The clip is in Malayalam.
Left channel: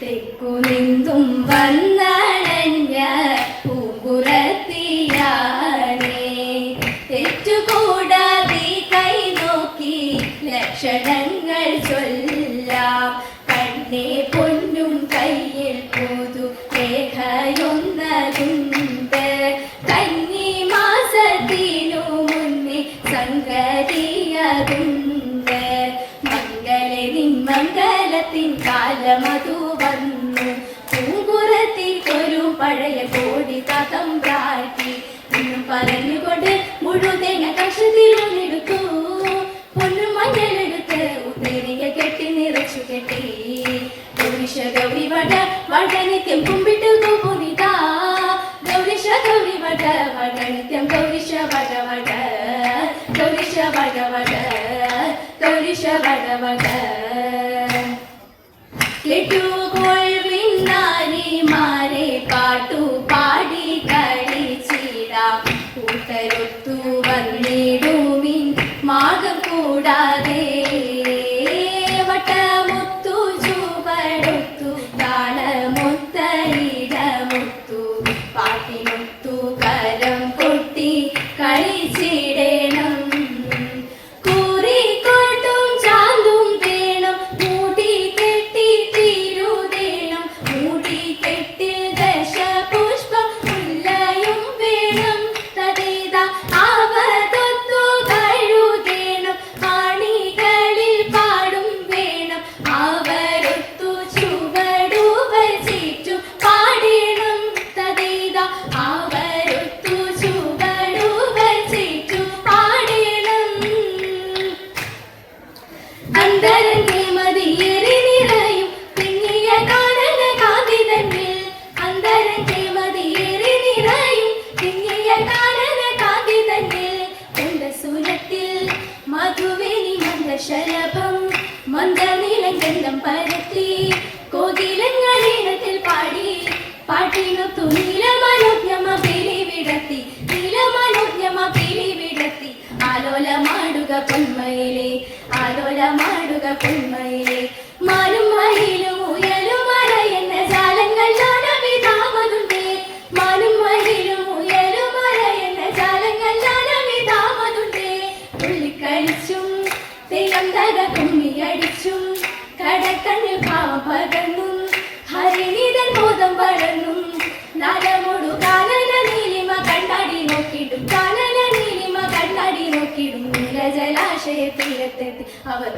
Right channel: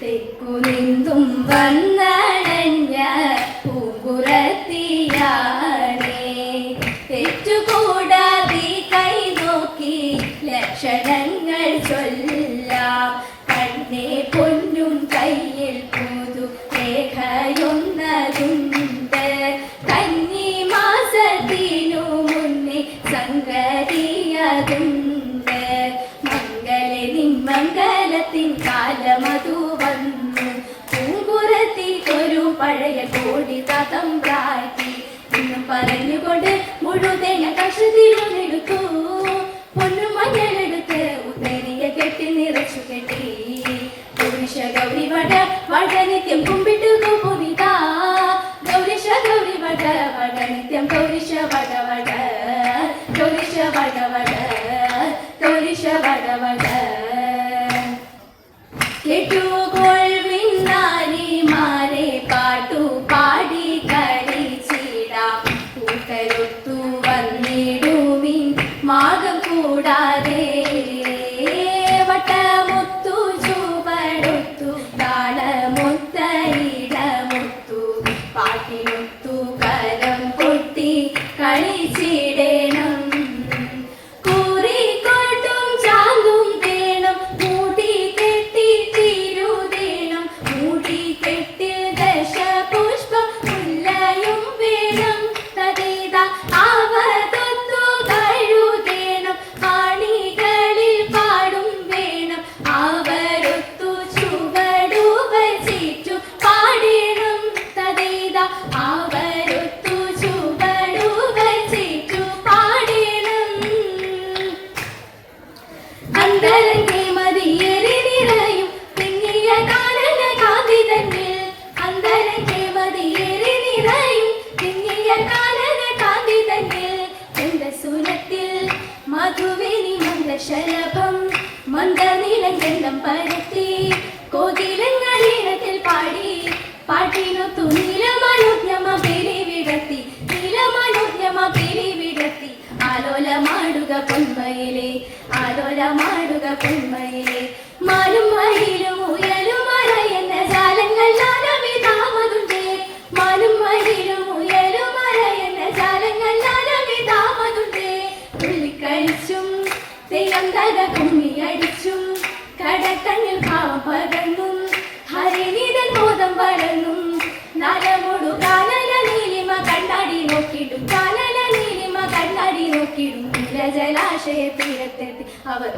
തെക്കുനിന്തും വന്നണഞ്ഞ പൂക്കുറത്തിയാണേ തെറ്റുകൂടാതെ കൈ നോക്കി ലക്ഷണങ്ങൾ ചൊല്ലാം കണ്ണേ പൊന്നും കയ്യിൽ പോതു രേഖയുന്നതുണ്ട് കന്നി മാസത്തിനു മുന്നേ സംഗതിയതുണ്ട് മംഗളത്തിൻ കാലമതു വന്നു പൂങ്കുറത്തിക്കൊരു പഴയ കോടി പദം പ്രാറ്റി ഇന്ന് പറഞ്ഞുകൊണ്ട് മുഴുതേന കഷത്തിലെടുത്തു പൊന്നു മഞ്ഞളെടുത്ത് ഉത്തരിയ കെട്ടി നിറച്ചു കെട്ടി ഗൗരിശ ഗൗരി വട വടനിത്യം കുമ്പിട്ട് പൂരിതാ ഗൗരിശ ഗൗരി വട വടനിത്യം ഗൗരിശ വട വട ഗൗരിശ വട വട ഗൗരിശ വട വട കേട്ടുകൊള്ളിനാരിമാരെ പാട്ടു പാടി കളിച്ചിടാം കൂട്ടരുത്തു വന്നിടുവിൻ മാകം കൂടാതെ വട്ടമുത്തു ചുവടുത്തു താളമൊത്തയിടമുത്തു പാട്ടിമുത്തു കരം കൊട്ടി കളിച്ചിടണം ശലഭം മന്ദനിലം പരത്തി കോകിലങ്ങളിൽ പാടി പാട്ടിനൊത്തു നീലമനോജ്ഞമ പിരിവിടത്തി നീലമനോജ്ഞമ പിരിവിടത്തി ആലോലമാടുക പൊന്മയിലെ ആലോലമാടുക പൊന്മയിലെ മാനും മയിലും ഉയലും മല എന്ന ജാലങ്ങൾ നാനവിധാമതുണ്ടേ മാനും മയിലും ഉയലും മല എന്ന ജാലങ്ങൾ നാനവിധാമതുണ്ടേ ഉള്ളിക്കഴിച്ചും തെയ്യന്തര കുമ്മിയടിച്ചും കടക്കണ്ണിൽ ഭാവം പകർന്നും ഹരിനിതൻ ബോധം പടർന്നും നരമോടു കാനന നീലിമ കണ്ണാടി നോക്കിടും കാനന നീലിമ കണ്ണാടി നോക്കിടും നീലജലാശയ തീരത്തെത്തി അവർ